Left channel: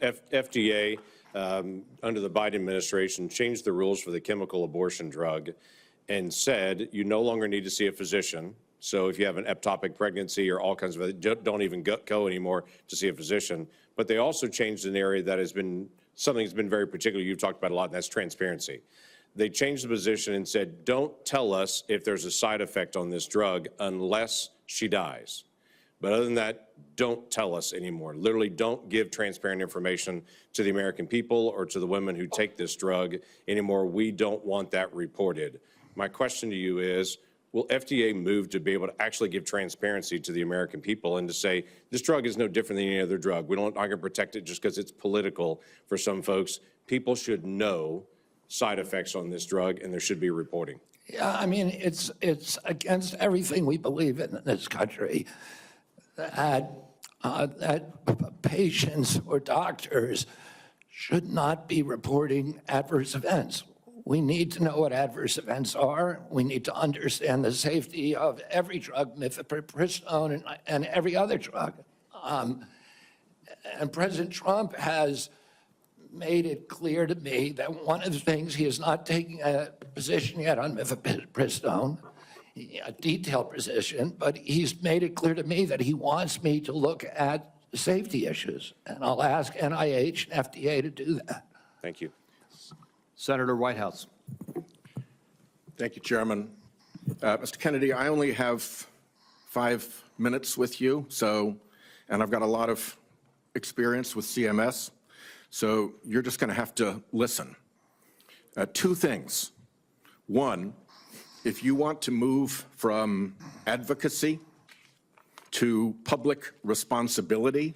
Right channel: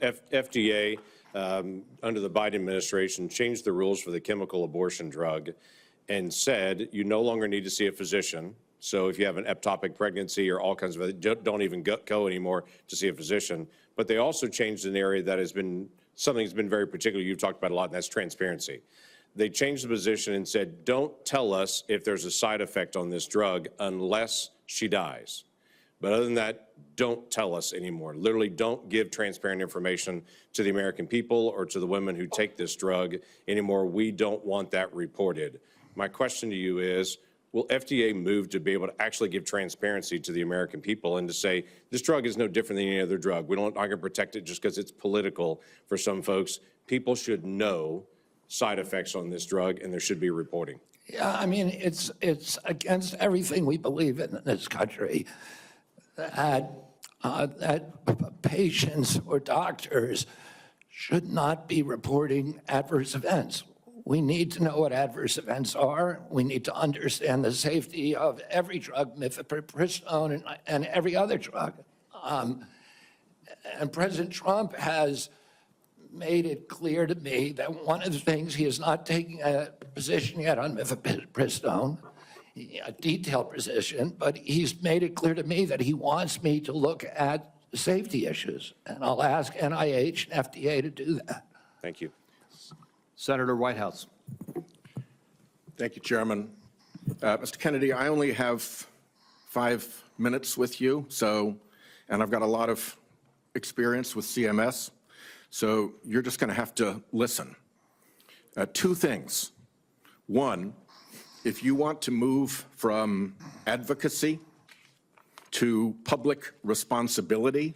FDA, under the Biden administration, changed the rules for the chemical abortion drug and said you no longer need to see a physician. So if you have an ectopic pregnancy or all kinds of, don't even go anymore to see a physician. But they also changed an area that has been something that's been very particular. You've talked about a lot, and that's transparency. They changed the position and said, don't tell us if there's a side effect on this drug unless she dies. But other than that, don't tell us anymore. Literally, don't give transparent information to the American people or to the women who take this drug anymore. We don't want that reported. My question to you is, will FDA move to be able to actually give transparency to the American people and to say, this drug is no different than any other drug. We're not going to protect it just because it's political for some folks. People should know side effects on this drug, and there should be reporting. Yeah, I mean, it's against everything we believe in this country that patients or doctors should not be reporting adverse events. We need to know what adverse events are. We need to understand the safety of every drug, mifepristone and every other drug. And President Trump has made it clear to me that one of the things, he is not taking a position yet on mifepristone, a detailed position, but he's made it clear to me that he wants me to look at safety issues. And I'll ask NIH and FDA to do that. Thank you. Senator Whitehouse. Thank you, Chairman. Mr. Kennedy, I only have 5 minutes with you, and I've got a lot of experience with CMS, so you're just going to have to listen. 2 things. One, if you want to move from advocacy to public responsibility,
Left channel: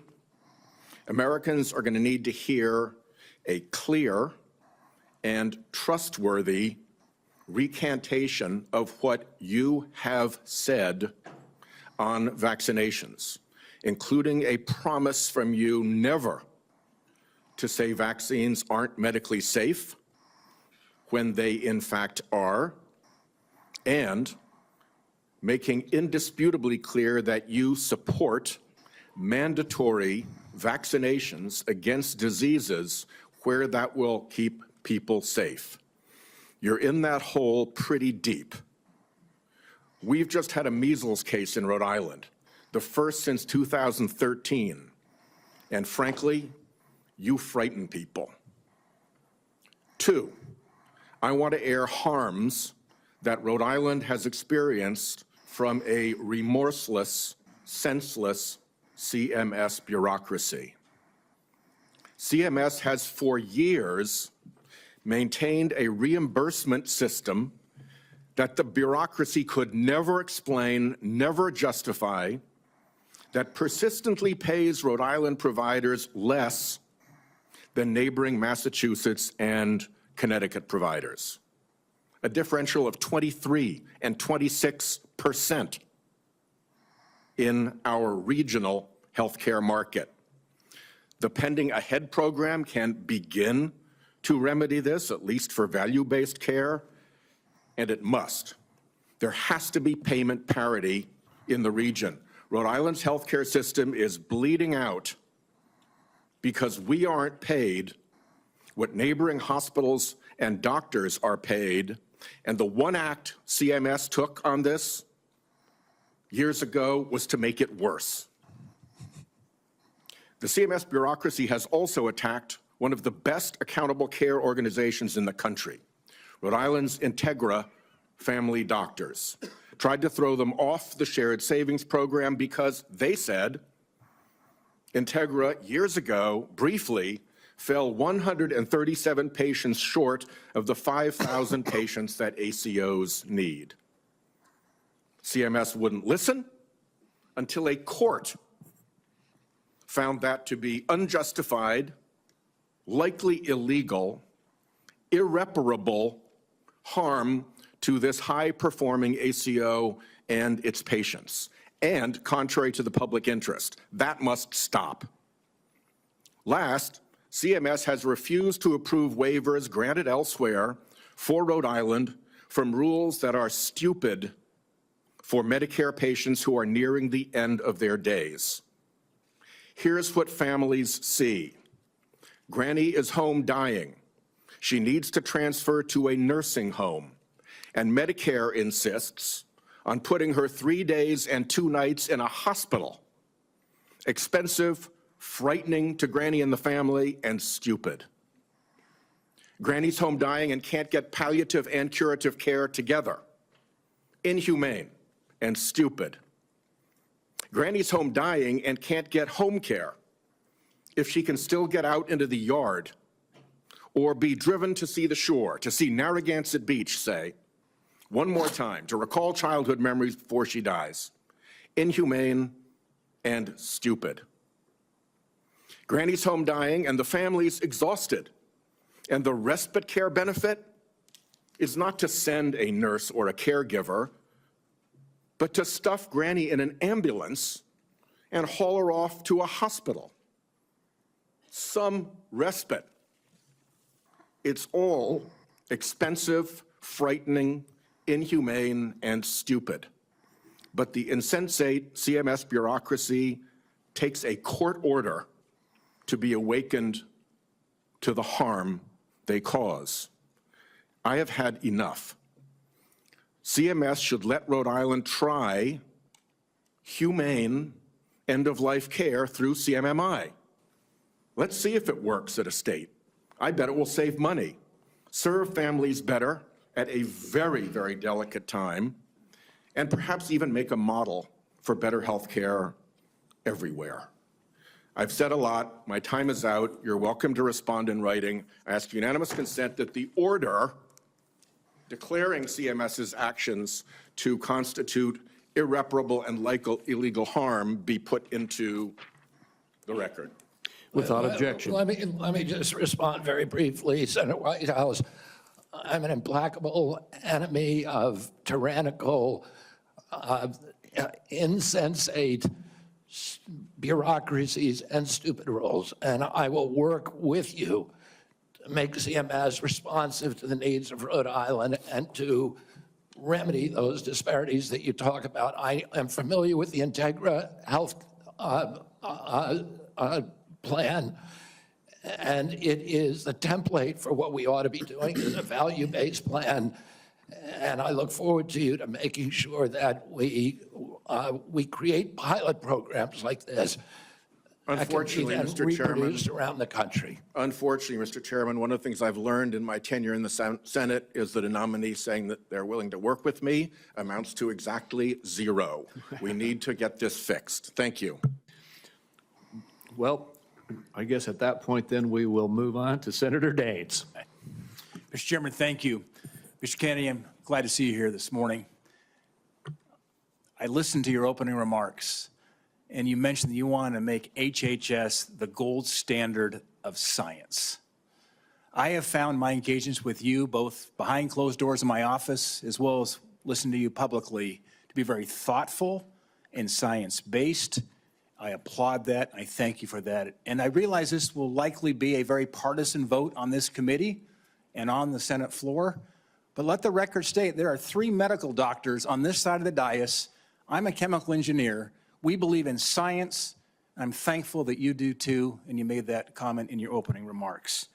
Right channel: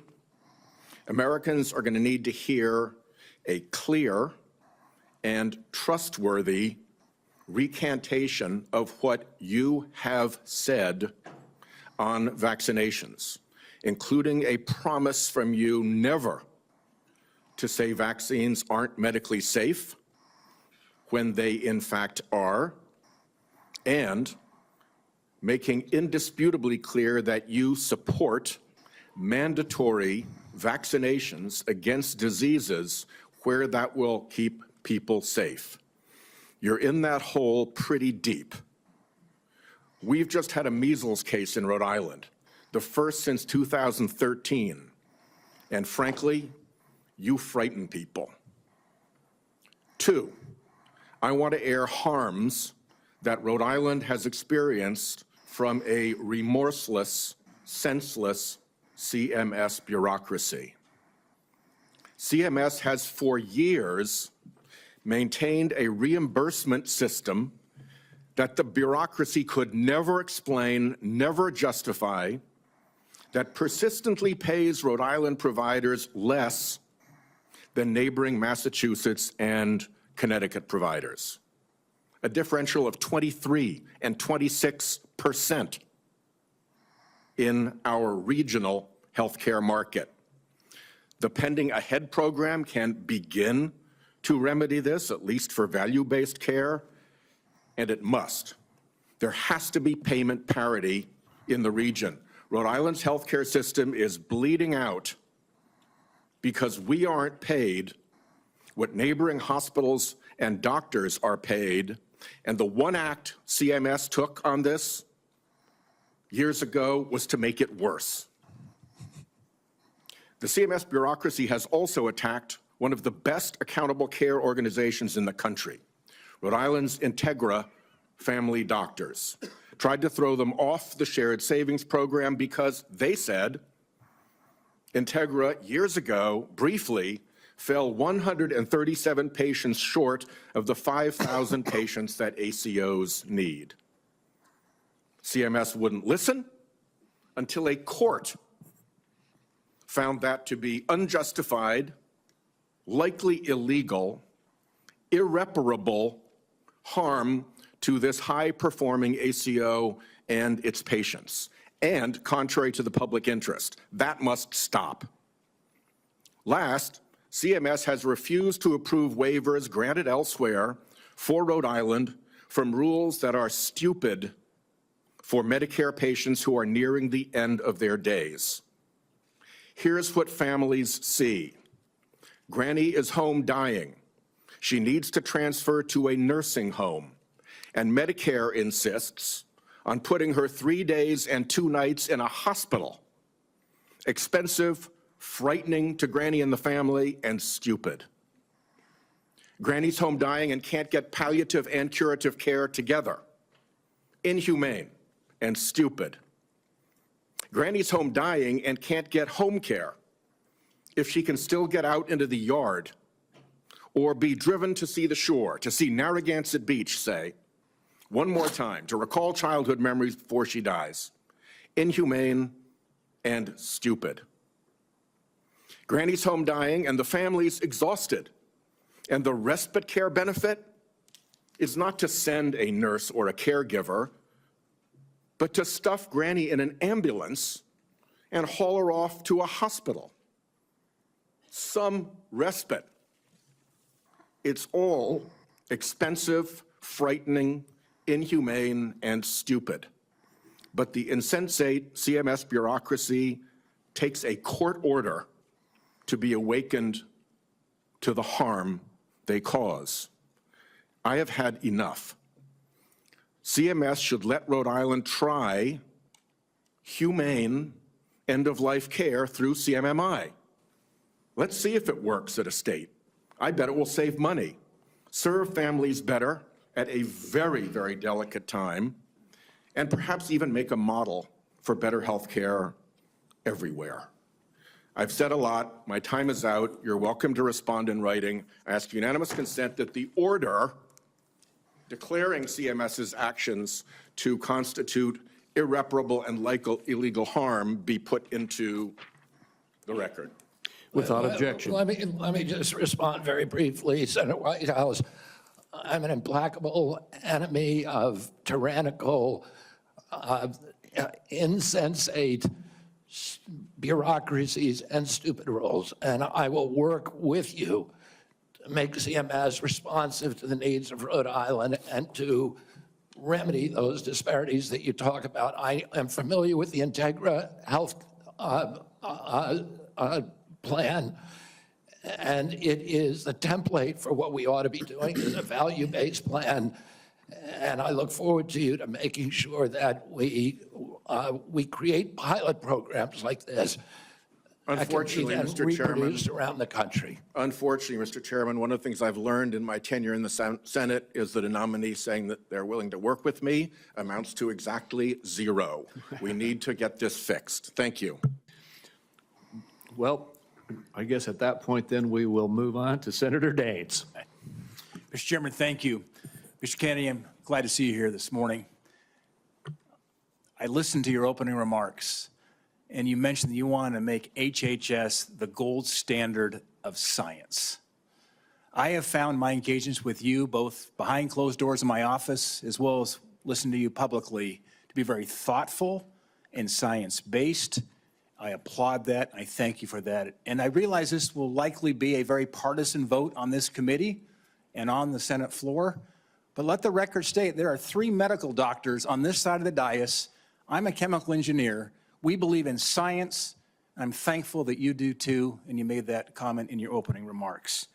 Americans are going to need to hear a clear and trustworthy recantation of what you have said on vaccinations, including a promise from you never to say vaccines aren't medically safe when they in fact are, and making indisputably clear that you support mandatory vaccinations against diseases where that will keep people safe. You're in that hole pretty deep. We've just had a measles case in Rhode Island, the first since 2013, and frankly, you frighten people. 2, I want to air harms that Rhode Island has experienced from a remorseless, senseless CMS bureaucracy. CMS has for years maintained a reimbursement system that the bureaucracy could never explain, never justify, that persistently pays Rhode Island providers less than neighboring Massachusetts and Connecticut providers. A differential of 23 and 26% in our regional healthcare market. The Pending Ahead program can begin to remedy this, at least for value-based care, and it must. There has to be payment parity in the region. Rhode Island's healthcare system is bleeding out because we aren't paid what neighboring hospitals and doctors are paid. And the one act CMS took on this years ago was to make it worse. The CMS bureaucracy has also attacked one of the best accountable care organizations in the country, Rhode Island's Integra Family Doctors. Tried to throw them off the shared savings program because they said Integra years ago briefly fell 137 patients short of the 5,000 patients that ACOs need. CMS wouldn't listen until a court found that to be unjustified, likely illegal, irreparable harm to this high-performing ACO and its patients, and contrary to the public interest. That must stop. Last, CMS has refused to approve waivers granted elsewhere for Rhode Island from rules that are stupid for Medicare patients who are nearing the end of their days. Here's what families see. Granny is home dying. She needs to transfer to a nursing home, and Medicare insists on putting her 3 days and 2 nights in a hospital. Expensive, frightening to Granny and the family, and stupid. Granny's home dying and can't get palliative and curative care together. Inhumane and stupid. Granny's home dying and can't get home care if she can still get out into the yard or be driven to see the shore, to see Narragansett Beach, say, one more time, to recall childhood memories before she dies. Inhumane and stupid. Granny's home dying and the family's exhausted. And the respite care benefit is not to send a nurse or a caregiver, but to stuff Granny in an ambulance and haul her off to a hospital. Some respite. It's all expensive, frightening, inhumane, and stupid. But the insensate CMS bureaucracy takes a court order to be awakened to the harm they cause. I have had enough. CMS should let Rhode Island try humane end-of-life care through CMMI. Let's see if it works at a state. I bet it will save money, serve families better at a very, very delicate time, and perhaps even make a model for better health care everywhere. I've said a lot. My time is out. You're welcome to respond in writing. I ask unanimous consent that the order declaring CMS's actions to constitute irreparable and illegal harm be put into the record. Without objection. Let me just respond very briefly, Senator Whitehouse. I'm an implacable enemy of tyrannical, insensate bureaucracies and stupid rules, and I will work with you to make CMS responsive to the needs of Rhode Island and to remedy those disparities that you talk about. I am familiar with the Integra Health plan, and it is the template for what we ought to be doing as a value-based plan. And I look forward to you to making sure that we create pilot programs like this Unfortunately, that can be Mr. Chairman, reproduced around the country. Unfortunately, Mr. Chairman, one of the things I've learned in my tenure in the Senate is that a nominee saying that they're willing to work with me amounts to exactly zero. We need to get this fixed. Thank you. Well, I guess at that point, then, we will move on to Senator Daines. Mr. Chairman, thank you. Mr. Kennedy, I'm glad to see you here this morning. I listened to your opening remarks, and you mentioned that you want to make HHS the gold standard of science. I have found my engagements with you, both behind closed doors in my office, as well as listening to you publicly, to be very thoughtful and science-based. I applaud that. I thank you for that. And I realize this will likely be a very partisan vote on this committee and on the Senate floor. But let the record state there are 3 medical doctors on this side of the dais. I'm a chemical engineer. We believe in science. I'm thankful that you do too, and you made that comment in your opening remarks.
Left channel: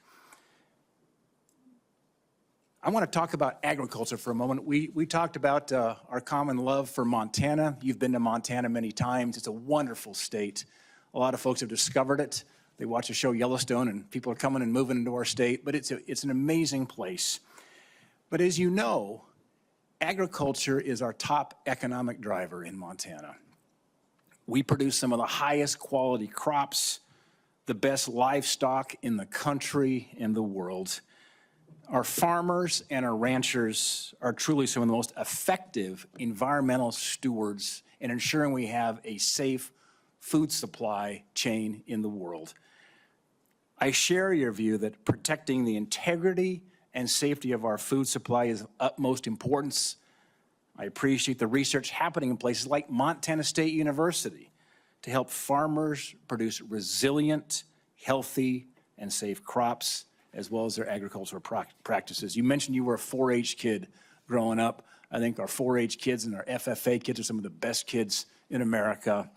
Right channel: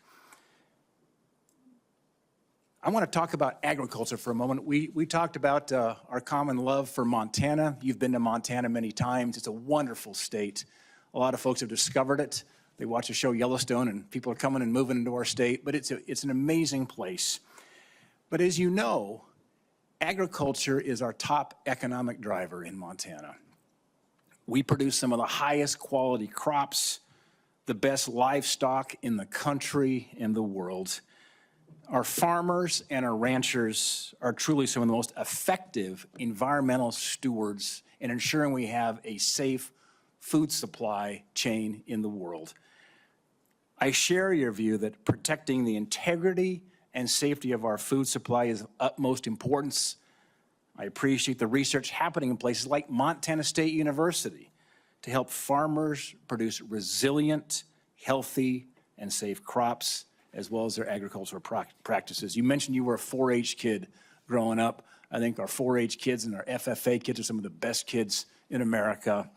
I want to talk about agriculture for a moment. We talked about our common love for Montana. You've been to Montana many times. It's a wonderful state. A lot of folks have discovered it. They watch the show Yellowstone, and people are coming and moving into our state, but it's an amazing place. But as you know, agriculture is our top economic driver in Montana. We produce some of the highest quality crops, the best livestock in the country and the world. Our farmers and our ranchers are truly some of the most effective environmental stewards in ensuring we have a safe food supply chain in the world. I share your view that protecting the integrity and safety of our food supply is of utmost importance. I appreciate the research happening in places like Montana State University to help farmers produce resilient, healthy, and safe crops, as well as their agricultural practices. You mentioned you were a 4-H kid growing up. I think our 4-H kids and our FFA kids are some of the best kids in America.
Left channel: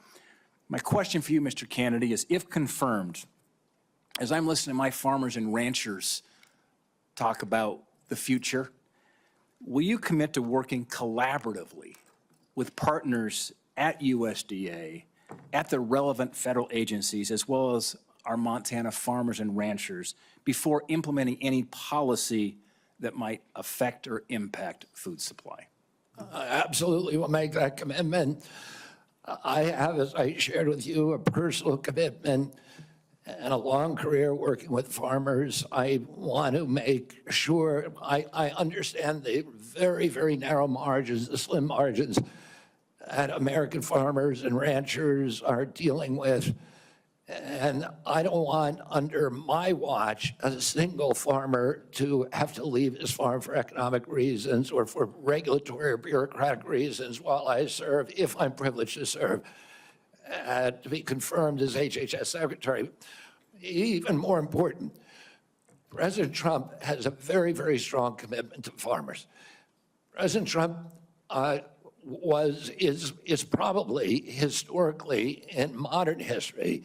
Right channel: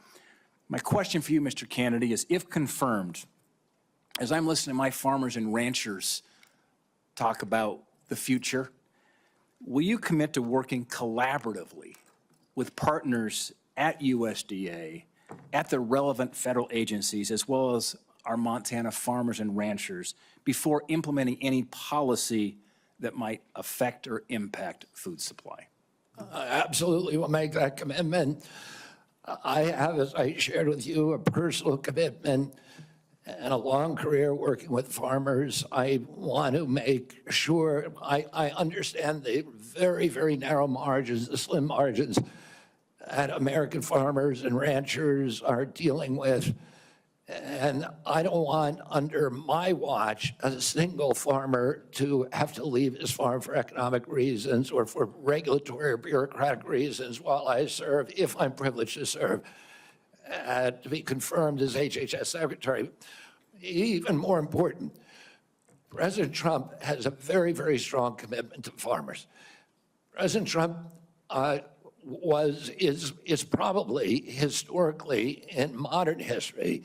My question for you, Mr. Kennedy, is if confirmed, as I'm listening to my farmers and ranchers talk about the future, will you commit to working collaboratively with partners at USDA, at the relevant federal agencies, as well as our Montana farmers and ranchers before implementing any policy that might affect or impact food supply? I absolutely will make that commitment. I have, as I shared with you, a personal commitment and a long career working with farmers. I want to make sure I understand the very, very narrow margins, the slim margins that American farmers and ranchers are dealing with. And I don't want, under my watch, a single farmer to have to leave his farm for economic reasons or for regulatory or bureaucratic reasons while I serve, if I'm privileged to serve, to be confirmed as HHS Secretary. Even more important, President Trump has a very, very strong commitment to farmers. President Trump is probably historically in modern history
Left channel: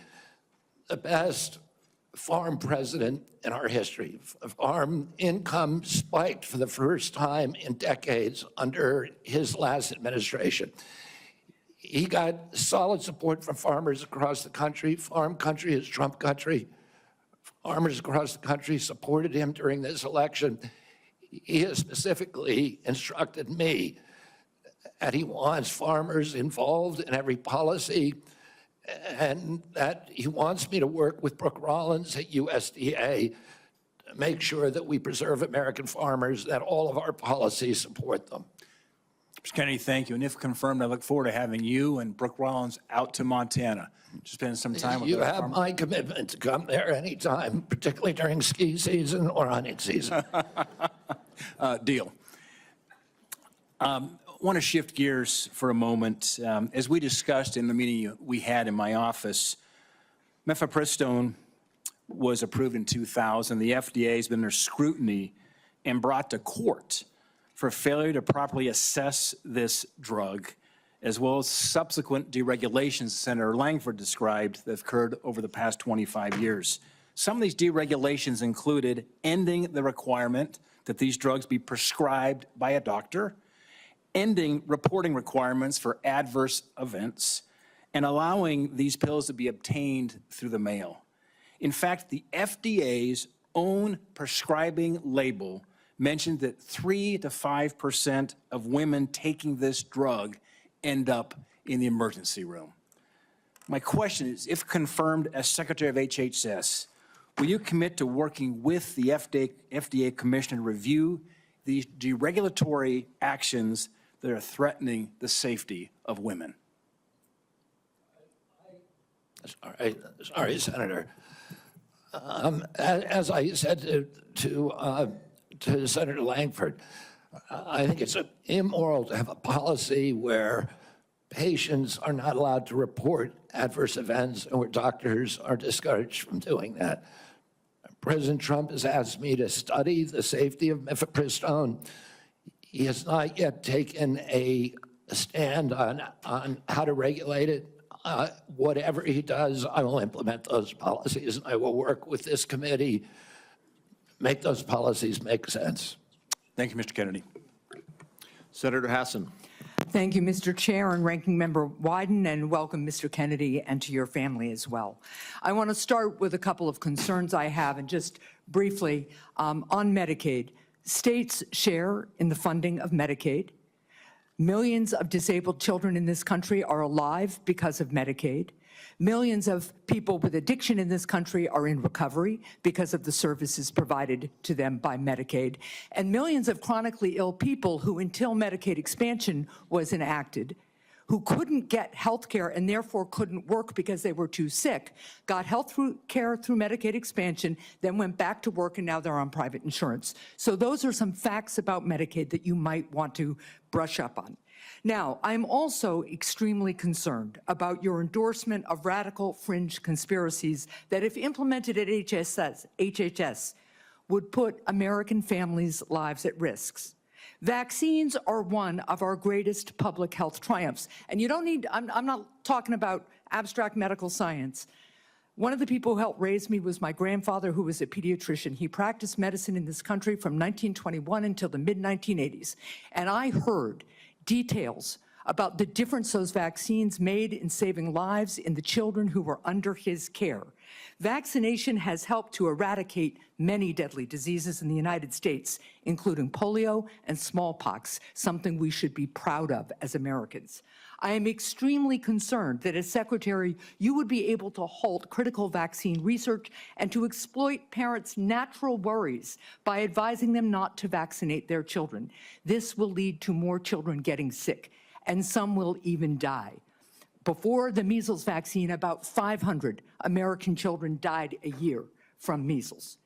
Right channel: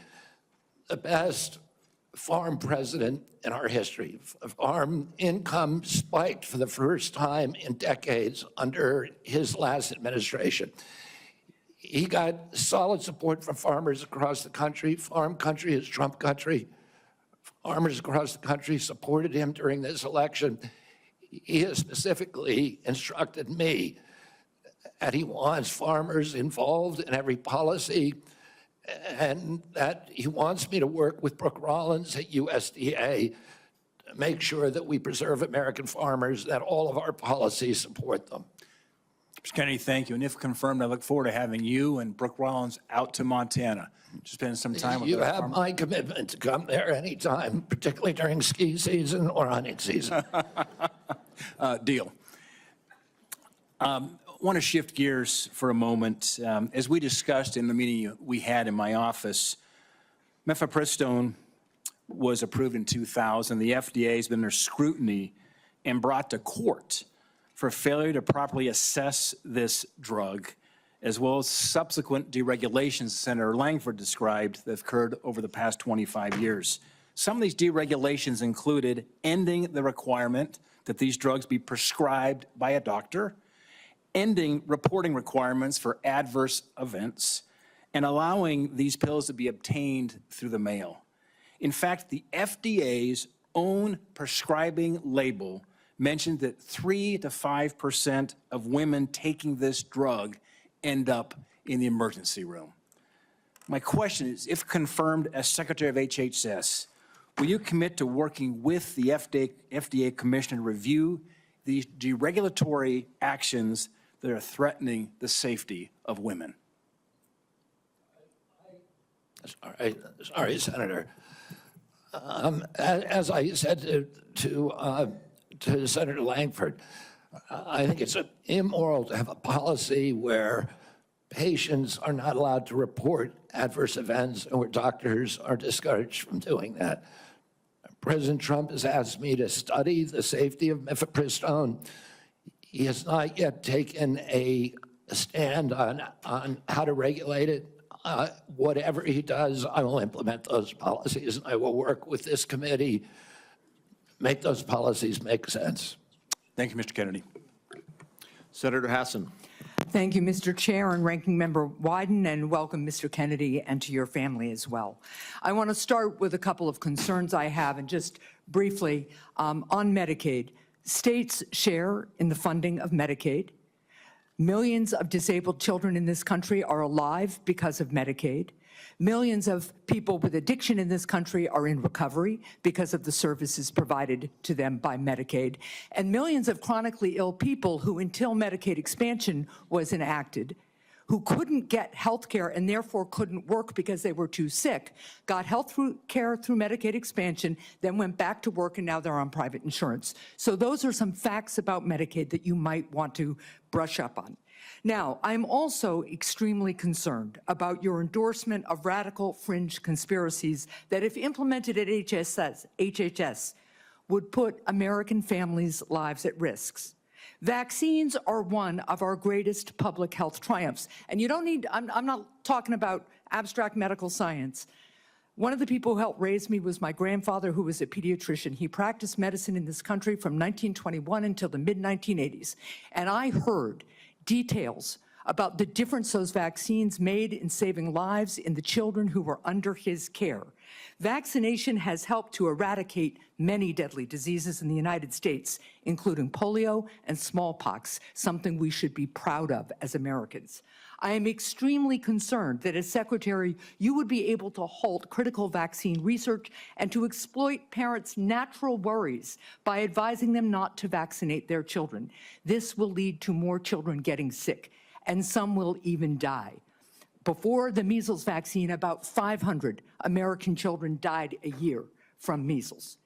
the best farm president in our history. Farm income spiked for the first time in decades under his last administration. He got solid support from farmers across the country. Farm country is Trump country. Farmers across the country supported him during this election. He has specifically instructed me that he wants farmers involved in every policy, and that he wants me to work with Brooke Rollins at USDA to make sure that we preserve American farmers, that all of our policies support them. Mr. Kennedy, thank you. And if confirmed, I look forward to having you and Brooke Rollins out to Montana to spend some time with You our have farmers. my commitment to come there anytime, particularly during ski season or hunting season. Deal. I want to shift gears for a moment. As we discussed in the meeting we had in my office, mifepristone was approved in 2000. The FDA has been under scrutiny and brought to court for failure to properly assess this drug, as well as subsequent deregulations Senator Langford described that have occurred over the past 25 years. Some of these deregulations included ending the requirement that these drugs be prescribed by a doctor, ending reporting requirements for adverse events, and allowing these pills to be obtained through the mail. In fact, the FDA's own prescribing label mentioned that 3 to 5% of women taking this drug end up in the emergency room. My question is, if confirmed as Secretary of HHS, will you commit to working with the FDA Commission to review these deregulatory actions that are threatening the safety of women? Sorry, Senator. As I said to Senator Langford, I think it's immoral to have a policy where patients are not allowed to report adverse events and where doctors are discouraged from doing that. President Trump has asked me to study the safety of mifepristone. He has not yet taken a stand on how to regulate it. Whatever he does, I will implement those policies, and I will work with this committee to make those policies make sense. Thank you, Mr. Kennedy. Senator Hassan. Thank you, Mr. Chair and Ranking Member Wyden, and welcome, Mr. Kennedy, and to your family as well. I want to start with a couple of concerns I have, and just briefly on Medicaid. States share in the funding of Medicaid. Millions of disabled children in this country are alive because of Medicaid. Millions of people with addiction in this country are in recovery because of the services provided to them by Medicaid. And millions of chronically ill people who, until Medicaid expansion was enacted, who couldn't get health care and therefore couldn't work because they were too sick, got health care through Medicaid expansion, then went back to work, and now they're on private insurance. So those are some facts about Medicaid that you might want to brush up on. Now, I'm also extremely concerned about your endorsement of radical fringe conspiracies that, if implemented at HHS, would put American families' lives at risk. Vaccines are one of our greatest public health triumphs. And you don't need, I'm not talking about abstract medical science. One of the people who helped raise me was my grandfather, who was a pediatrician. He practiced medicine in this country from 1921 until the mid-1980s. And I heard details about the difference those vaccines made in saving lives in the children who were under his care. Vaccination has helped to eradicate many deadly diseases in the United States, including polio and smallpox, something we should be proud of as Americans. I am extremely concerned that as Secretary, you would be able to halt critical vaccine research and to exploit parents' natural worries by advising them not to vaccinate their children. This will lead to more children getting sick, and some will even die. Before the measles vaccine, about 500 American children died a year from measles.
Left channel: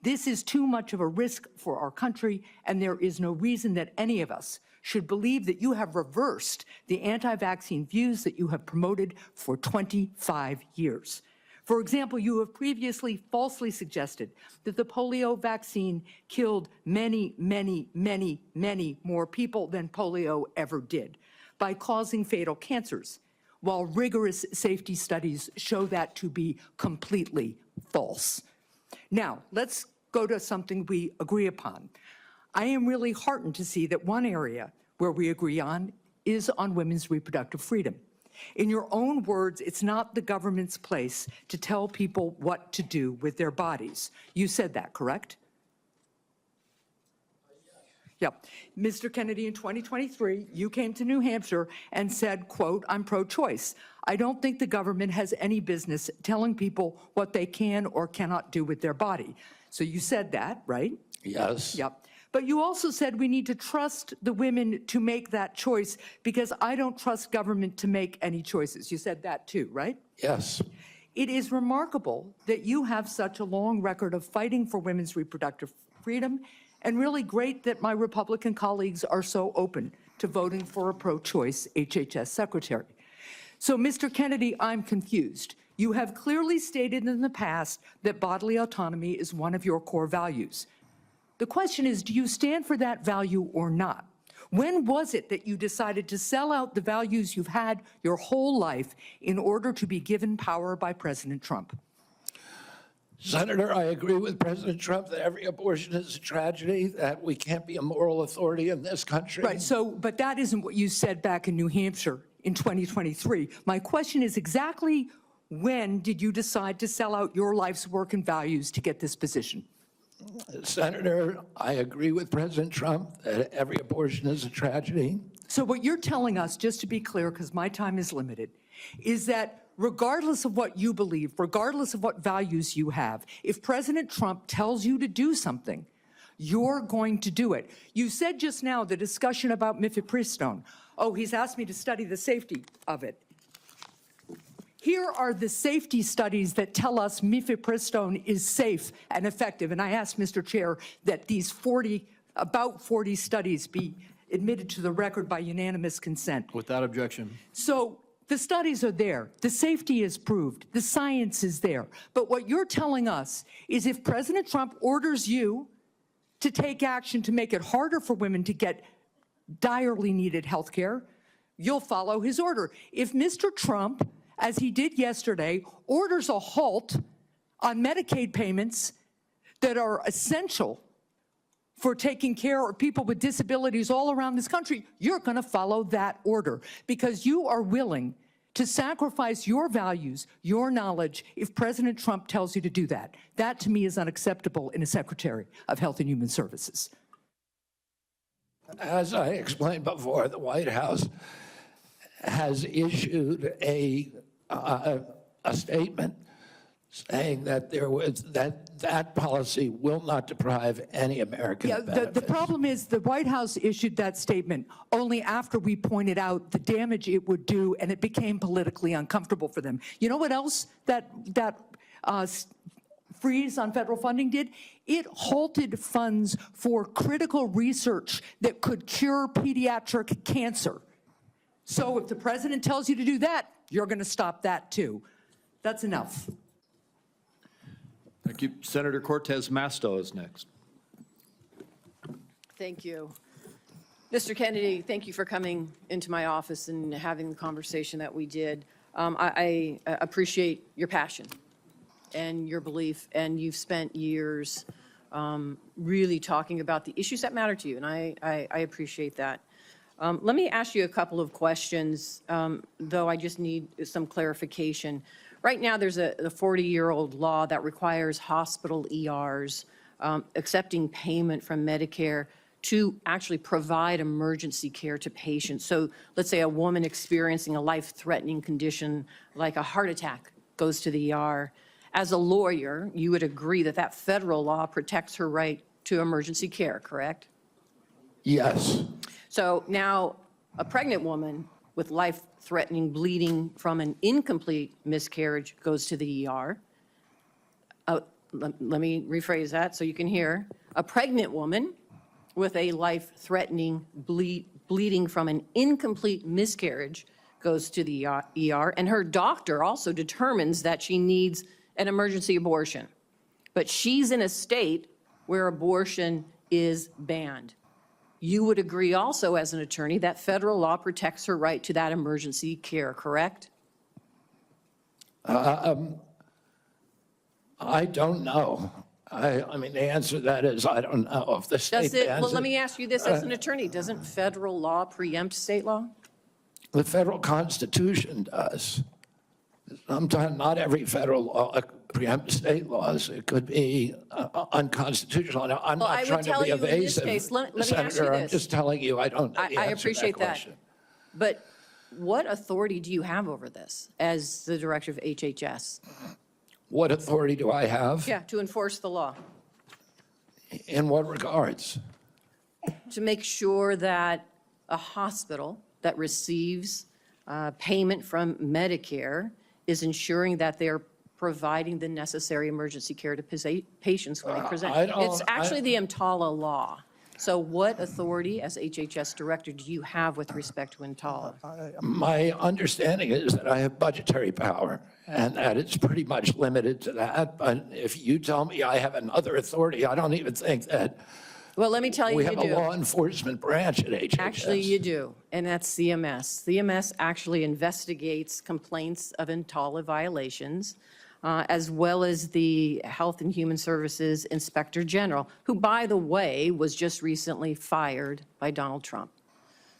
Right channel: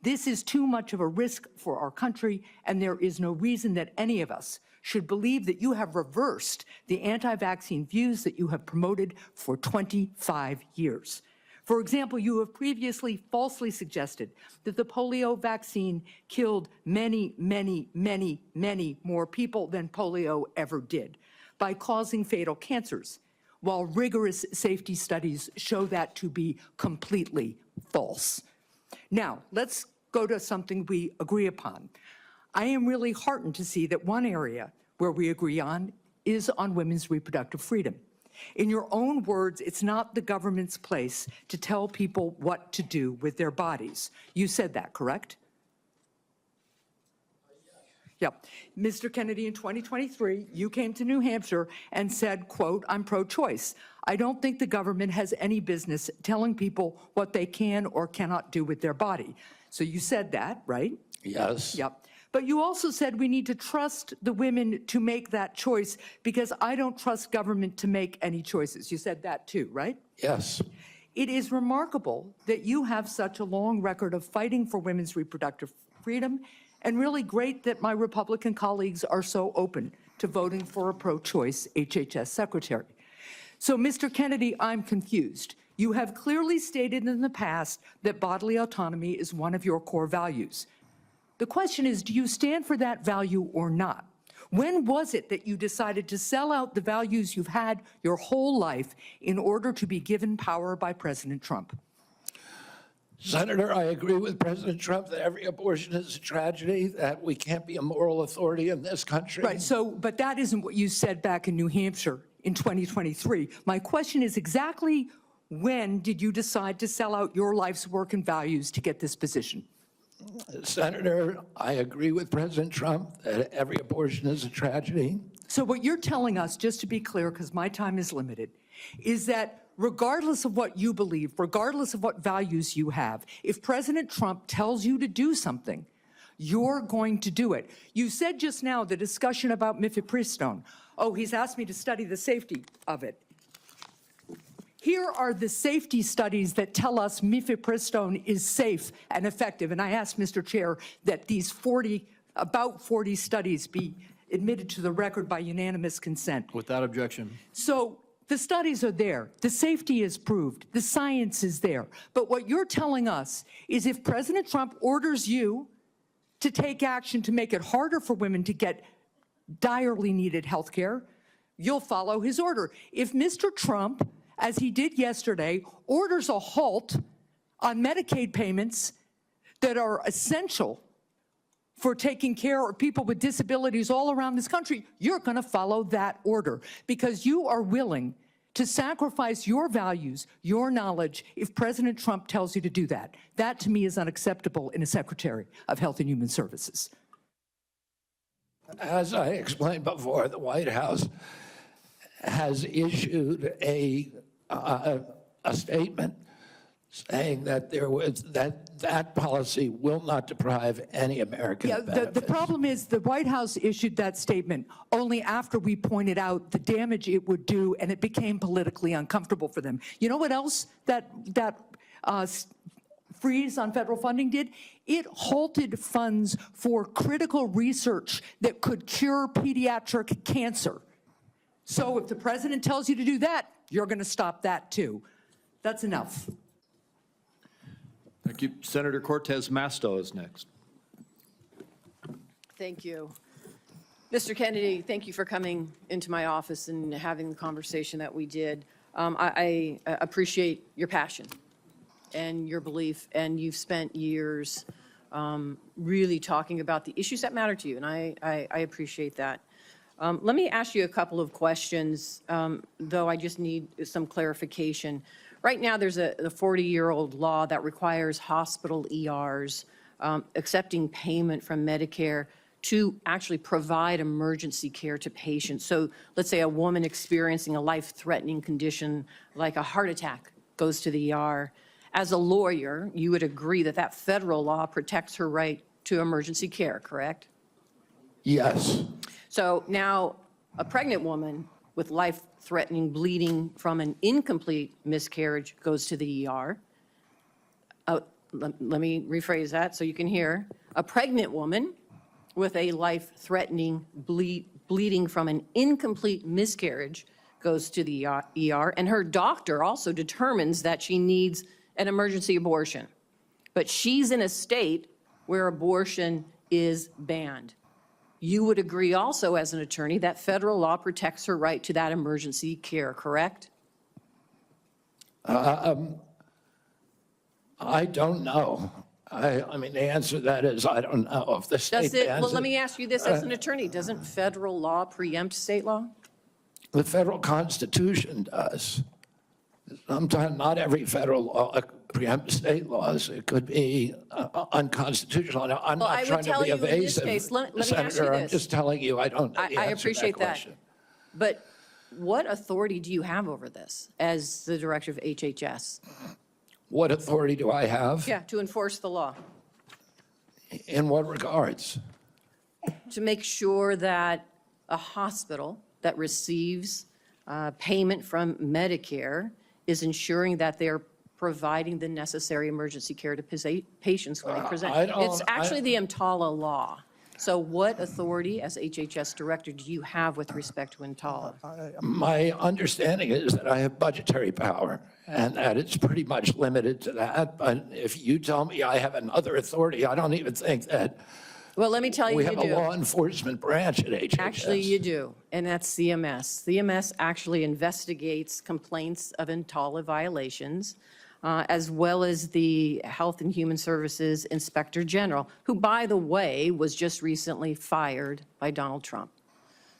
This is too much of a risk for our country, and there is no reason that any of us should believe that you have reversed the anti-vaccine views that you have promoted for 25 years. For example, you have previously falsely suggested that the polio vaccine killed many, many, many, many more people than polio ever did by causing fatal cancers, while rigorous safety studies show that to be completely false. Now, let's go to something we agree upon. I am really heartened to see that one area where we agree on is on women's reproductive freedom. In your own words, it's not the government's place to tell people what to do with their bodies. You said that, correct? Yep. Mr. Kennedy, in 2023, you came to New Hampshire and said, quote, "I'm pro-choice. I don't think the government has any business telling people what they can or cannot do with their body." So you said that, right? Yes. Yep. But you also said we need to trust the women to make that choice because I don't trust government to make any choices. You said that too, right? Yes. It is remarkable that you have such a long record of fighting for women's reproductive freedom, and really great that my Republican colleagues are so open to voting for a pro-choice HHS secretary. So, Mr. Kennedy, I'm confused. You have clearly stated in the past that bodily autonomy is one of your core values. The question is, do you stand for that value or not? When was it that you decided to sell out the values you've had your whole life in order to be given power by President Trump? Senator, I agree with President Trump that every abortion is a tragedy, that we can't be a moral authority in this country. Right, so, but that isn't what you said back in New Hampshire in 2023. My question is exactly when did you decide to sell out your life's work and values to get this position? Senator, I agree with President Trump that every abortion is a tragedy. So what you're telling us, just to be clear, because my time is limited, is that regardless of what you believe, regardless of what values you have, if President Trump tells you to do something, you're going to do it. You said just now the discussion about mifepristone. Oh, he's asked me to study the safety of it. Here are the safety studies that tell us mifepristone is safe and effective. And I asked Mr. Chair that these about 40 studies be admitted to the record by unanimous consent. Without objection. So the studies are there. The safety is proved. The science is there. But what you're telling us is if President Trump orders you to take action to make it harder for women to get direly needed health care, you'll follow his order. If Mr. Trump, as he did yesterday, orders a halt on Medicaid payments that are essential for taking care of people with disabilities all around this country, you're going to follow that order because you are willing to sacrifice your values, your knowledge, if President Trump tells you to do that. That, to me, is unacceptable in a Secretary of Health and Human Services. As I explained before, the White House has issued a statement saying that that policy will not deprive any American of benefits. The problem is the White House issued that statement only after we pointed out the damage it would do, and it became politically uncomfortable for them. You know what else that freeze on federal funding did? It halted funds for critical research that could cure pediatric cancer. So if the president tells you to do that, you're going to stop that too. That's enough. Thank you. Senator Cortez Masto is next. Thank you. Mr. Kennedy, thank you for coming into my office and having the conversation that we did. I appreciate your passion and your belief, and you've spent years really talking about the issues that matter to you, and I appreciate that. Let me ask you a couple of questions, though I just need some clarification. Right now, there's a 40-year-old law that requires hospital ERs accepting payment from Medicare to actually provide emergency care to patients. So let's say a woman experiencing a life-threatening condition like a heart attack goes to the ER. As a lawyer, you would agree that that federal law protects her right to emergency care, correct? Yes. So now a pregnant woman with life-threatening bleeding from an incomplete miscarriage goes to the ER. Let me rephrase that so you can hear. A pregnant woman with a life-threatening bleeding from an incomplete miscarriage goes to the ER, and her doctor also determines that she needs an emergency abortion. But she's in a state where abortion is banned. You would agree also as an attorney that federal law protects her right to that emergency care, correct? I don't know. I mean, the answer to that is I don't know. If the state Does it, bans well, let it, me ask you this as an attorney, doesn't federal law preempt state law? the federal Constitution does. Sometimes not every federal law preempts state laws. It could be unconstitutional. Now, I'm Well, not I would trying to tell be you in this evasive, case, let me ask you Senator. I'm this. just telling you I don't know the I answer appreciate to that. question. But what authority do you have over this as the director of HHS? What authority do I have? Yeah, to enforce the law, In what regards? to make sure that a hospital that receives payment from Medicare is ensuring that they're providing the necessary emergency care to patients when they present. It's actually the EMTALA law. So what authority as HHS director do you have with respect to EMTALA? My understanding is that I have budgetary power and that it's pretty much limited to that. But if you tell me I have another authority, I don't even think that Well, let me tell you, we you have do. a law enforcement branch at HHS. Actually, you do, and that's CMS. CMS actually investigates complaints of EMTALA violations, as well as the Health and Human Services Inspector General, who, by the way, was just recently fired by Donald Trump.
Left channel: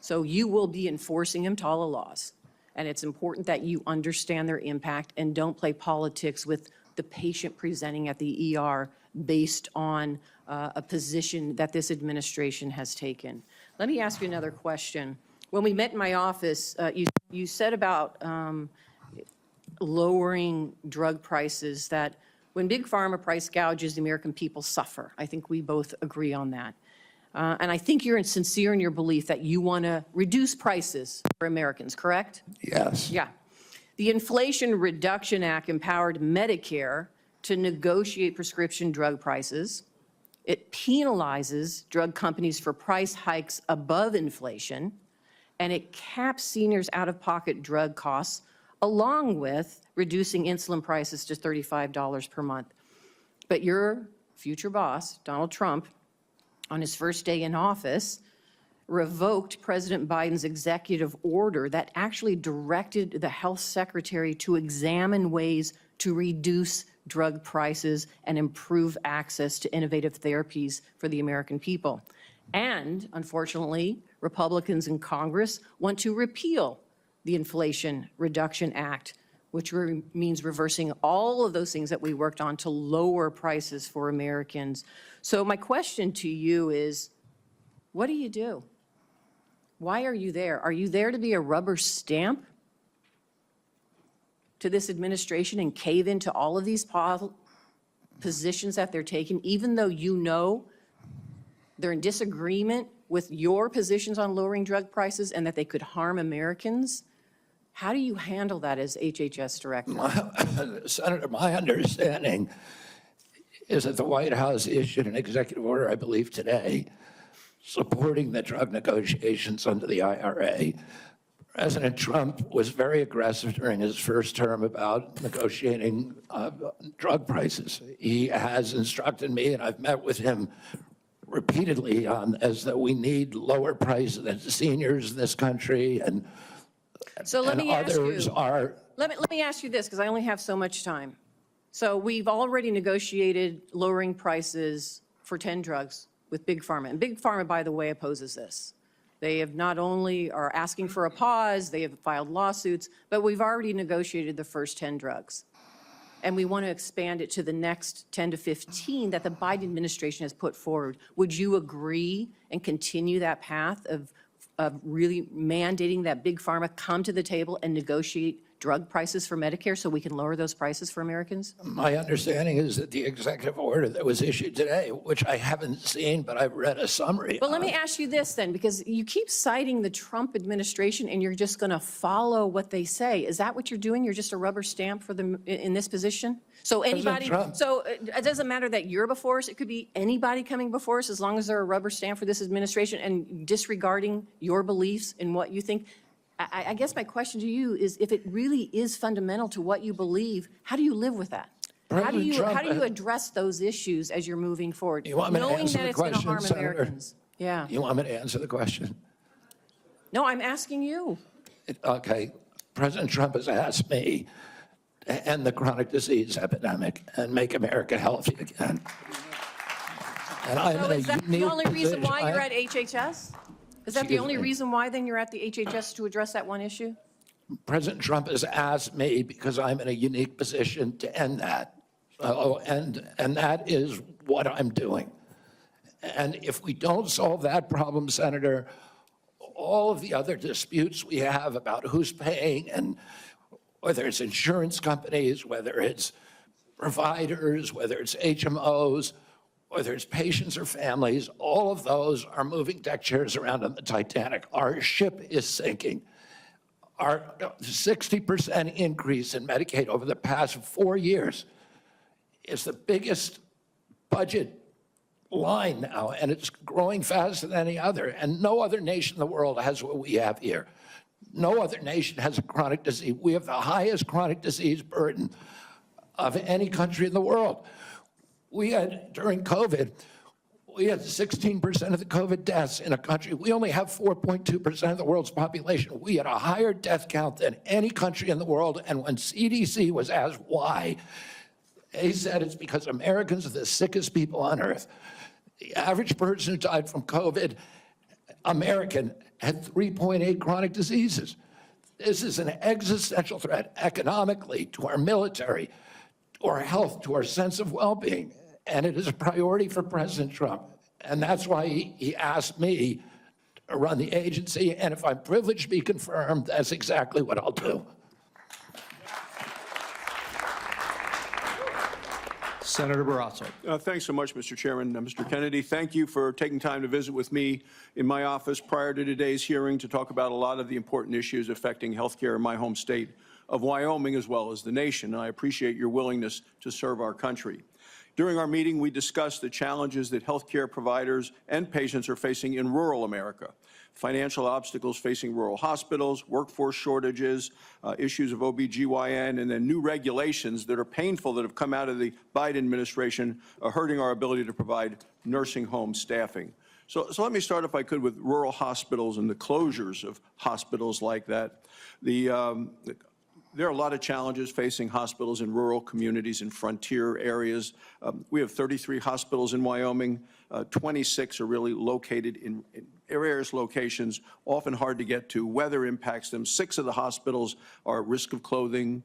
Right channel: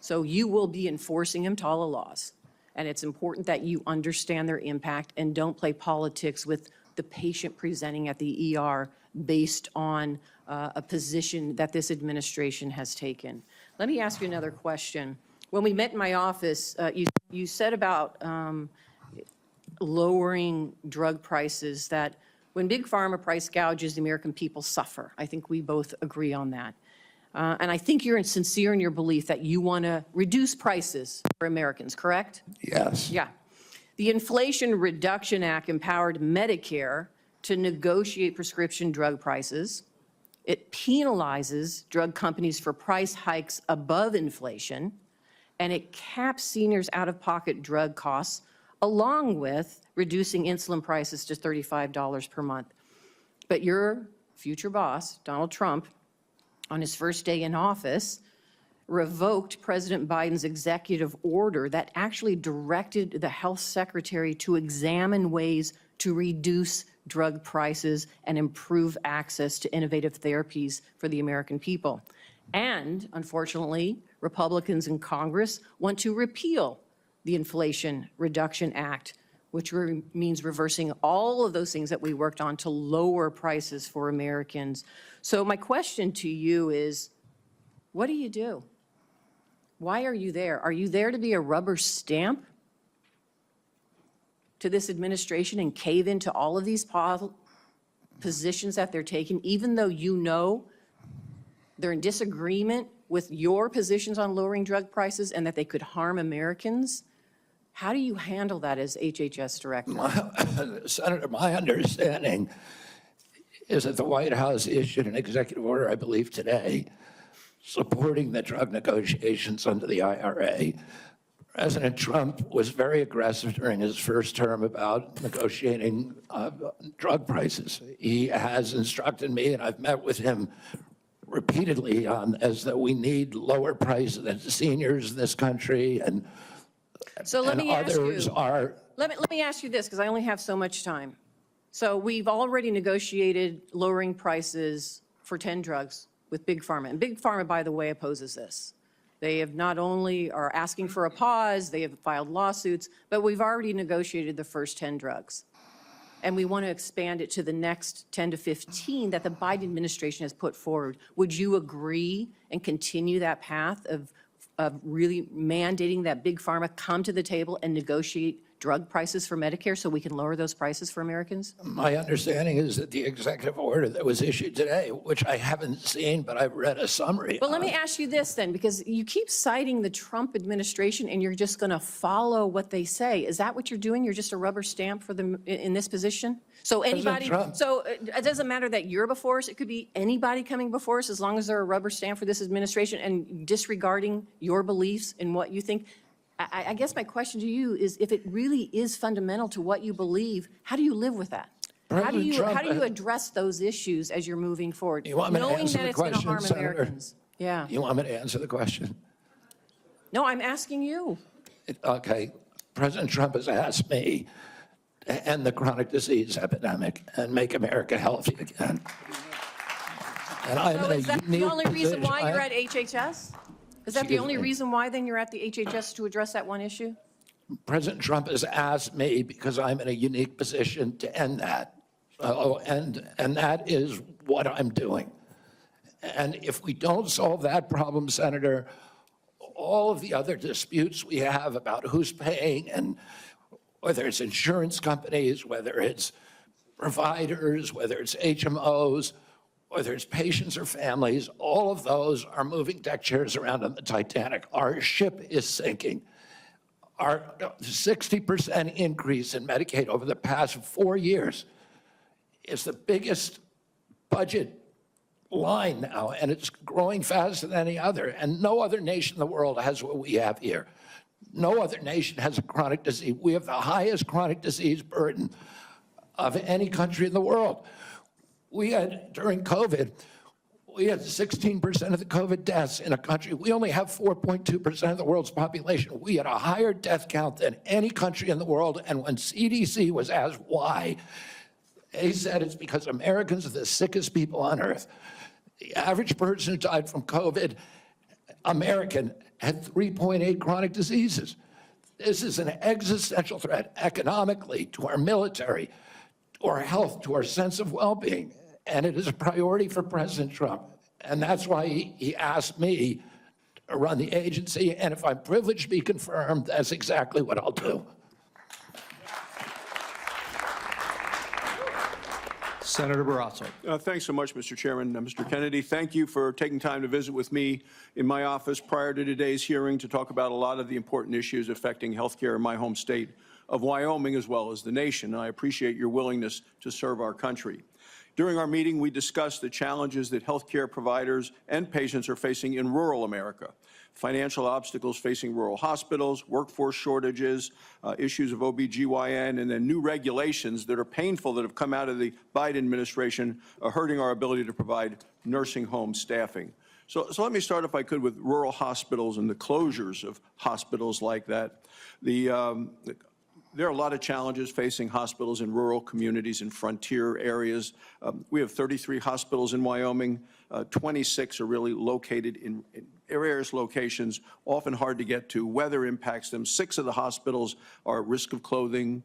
So you will be enforcing EMTALA laws, and it's important that you understand their impact and don't play politics with the patient presenting at the ER based on a position that this administration has taken. Let me ask you another question. When we met in my office, you said about lowering drug prices, that when Big Pharma price gouges, the American people suffer. I think we both agree on that. And I think you're sincere in your belief that you want to reduce prices for Americans, correct? Yes. Yeah. The Inflation Reduction Act empowered Medicare to negotiate prescription drug prices. It penalizes drug companies for price hikes above inflation, and it caps seniors' out-of-pocket drug costs, along with reducing insulin prices to $35 per month. But your future boss, Donald Trump, on his first day in office, revoked President Biden's executive order that actually directed the health secretary to examine ways to reduce drug prices and improve access to innovative therapies for the American people. And unfortunately, Republicans in Congress want to repeal the Inflation Reduction Act, which means reversing all of those things that we worked on to lower prices for Americans. So my question to you is, what do you do? Why are you there? Are you there to be a rubber stamp to this administration and cave into all of these positions that they're taking, even though you know they're in disagreement with your positions on lowering drug prices and that they could harm Americans? How do you handle that as HHS director? Senator, my understanding is that the White House issued an executive order, I believe today, supporting the drug negotiations under the IRA. President Trump was very aggressive during his first term about negotiating drug prices. He has instructed me, and I've met with him repeatedly on as that we need lower prices than seniors in this country, and so let me ask others you. are. Let me ask you this, because I only have so much time. So we've already negotiated lowering prices for 10 drugs with Big Pharma. And Big Pharma, by the way, opposes this. They have not only are asking for a pause, they have filed lawsuits, but we've already negotiated the first 10 drugs. And we want to expand it to the next 10 to 15 that the Biden administration has put forward. Would you agree and continue that path of really mandating that Big Pharma come to the table and negotiate drug prices for Medicare so we can lower those prices for Americans? My understanding is that the executive order that was issued today, which I haven't seen, but I've read a summary. Well, let me ask you this then, because you keep citing the Trump administration and you're just going to follow what they say. Is that what you're doing? You're just a rubber stamp for them in this position? So anybody, Trump. so it doesn't matter that you're before us. It could be anybody coming before us as long as they're a rubber stamp for this administration and disregarding your beliefs and what you think. I guess my question to you is, if it really is fundamental to what you believe, how do you live with that? How do you address those issues as you're moving forward, You want me to knowing answer that the it's going to question, harm Senator? Americans? Yeah. You want me to answer the question? No, I'm asking you. Okay. President Trump has asked me to end the chronic disease epidemic and make America healthy again. And I'm So in a is that the unique only reason position. why you're at HHS? Is that the Excuse only me. reason why then you're at the HHS to address that one issue? President Trump has asked me because I'm in a unique position to end that. And that is what I'm doing. And if we don't solve that problem, Senator, all of the other disputes we have about who's paying, and whether it's insurance companies, whether it's providers, whether it's HMOs, whether it's patients or families, all of those are moving deck chairs around on the Titanic. Our ship is sinking. Our 60% increase in Medicaid over the past 4 years is the biggest budget line now, and it's growing faster than any other. And no other nation in the world has what we have here. No other nation has a chronic disease. We have the highest chronic disease burden of any country in the world. We had, during COVID, we had 16% of the COVID deaths in a country. We only have 4.2% of the world's population. We had a higher death count than any country in the world. And when CDC was asked why, they said it's because Americans are the sickest people on earth. The average person who died from COVID, American, had 3.8 chronic diseases. This is an existential threat economically to our military, to our health, to our sense of well-being. And it is a priority for President Trump. And that's why he asked me to run the agency. And if I'm privileged to be confirmed, that's exactly what I'll do. Senator Barrasso. Thanks so much, Mr. Chairman. Mr. Kennedy, thank you for taking time to visit with me in my office prior to today's hearing to talk about a lot of the important issues affecting healthcare in my home state of Wyoming as well as the nation. I appreciate your willingness to serve our country. During our meeting, we discussed the challenges that healthcare providers and patients are facing in rural America. Financial obstacles facing rural hospitals, workforce shortages, issues of OBGYN, and then new regulations that are painful that have come out of the Biden administration are hurting our ability to provide nursing home staffing. So let me start, if I could, with rural hospitals and the closures of hospitals like that. There are a lot of challenges facing hospitals in rural communities and frontier areas. We have 33 hospitals in Wyoming. 26 are really located in various locations, often hard to get to. Weather impacts them. 6 of the hospitals are at risk of closing.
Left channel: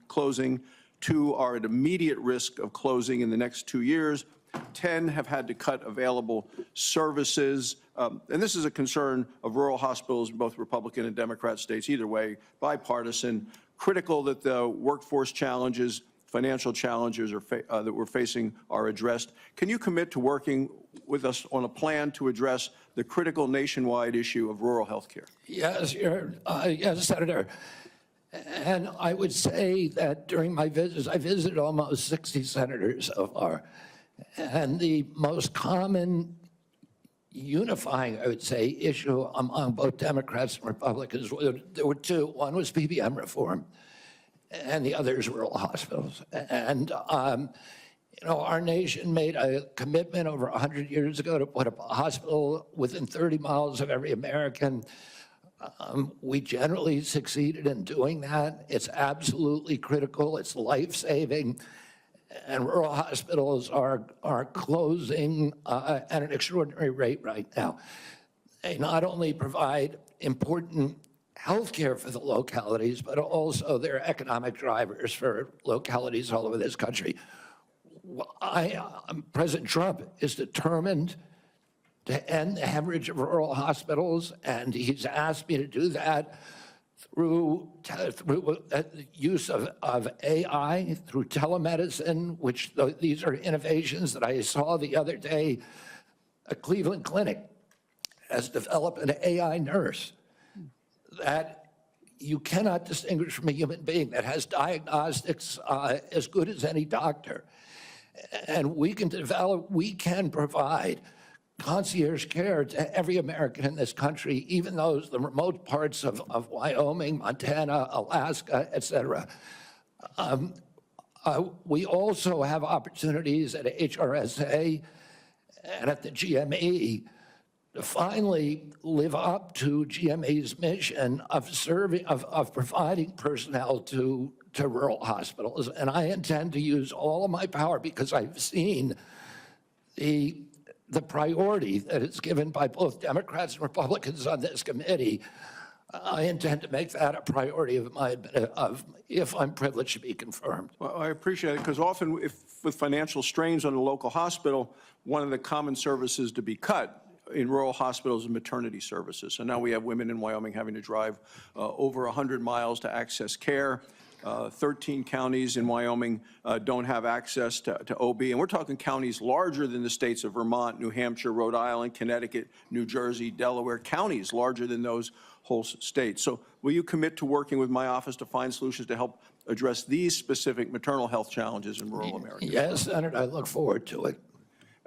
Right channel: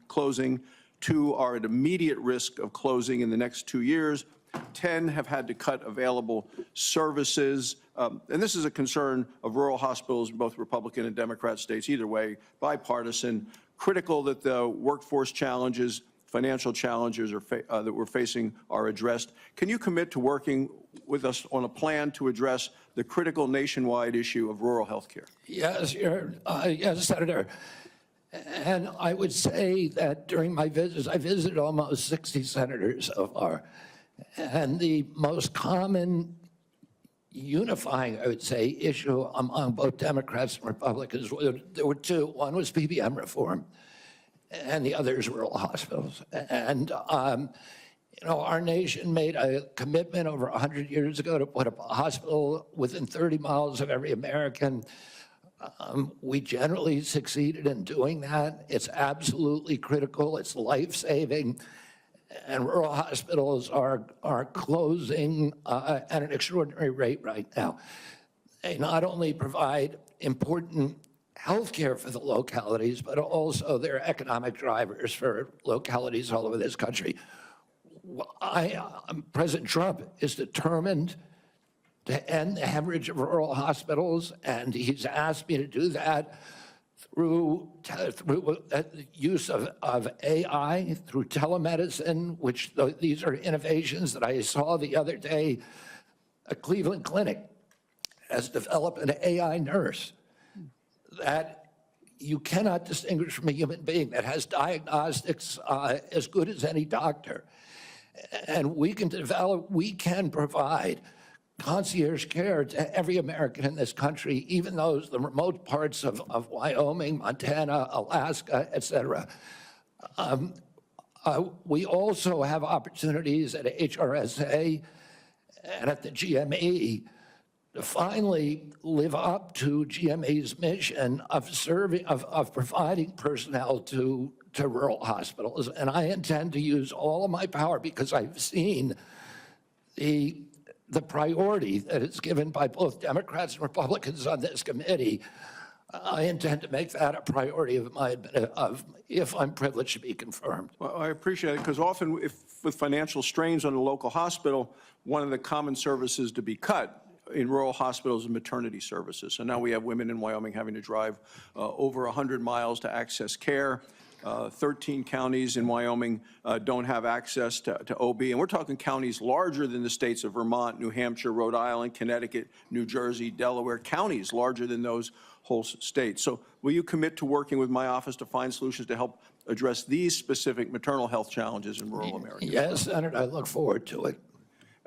2 are at immediate risk of closing in the next 2 years. 10 have had to cut available services. And this is a concern of rural hospitals in both Republican and Democrat states, either way, bipartisan. Critical that the workforce challenges, financial challenges that we're facing are addressed. Can you commit to working with us on a plan to address the critical nationwide issue of rural health care? Yes, yes, Senator. And I would say that during my visits, I visited almost 60 senators so far. And the most common unifying, I would say, issue among both Democrats and Republicans, there were 2. One was PBM reform, and the other is rural hospitals. And, our nation made a commitment over 100 years ago to put up a hospital within 30 miles of every American. We generally succeeded in doing that. It's absolutely critical. It's life-saving. And rural hospitals are closing at an extraordinary rate right now. They not only provide important health care for the localities, but also they're economic drivers for localities all over this country. President Trump is determined to end the hemorrhage of rural hospitals, and he's asked me to do that through the use of AI, through telemedicine, which these are innovations that I saw the other day. A Cleveland clinic has developed an AI nurse that you cannot distinguish from a human being, that has diagnostics as good as any doctor. And we can provide concierge care to every American in this country, even those, the remote parts of Wyoming, Montana, Alaska, et cetera. We also have opportunities at HRSA and at the GME to finally live up to GME's mission of providing personnel to rural hospitals. And I intend to use all of my power, because I've seen the priority that is given by both Democrats and Republicans on this committee. I intend to make that a priority if I'm privileged to be confirmed. Well, I appreciate it, because often with financial strains on the local hospital, one of the common services to be cut in rural hospitals is maternity services. So now we have women in Wyoming having to drive over 100 miles to access care. 13 counties in Wyoming don't have access to OB. And we're talking counties larger than the states of Vermont, New Hampshire, Rhode Island, Connecticut, New Jersey, Delaware, counties larger than those whole states. So will you commit to working with my office to find solutions to help address these specific maternal health challenges in rural America? Yes, Senator, I look forward to it.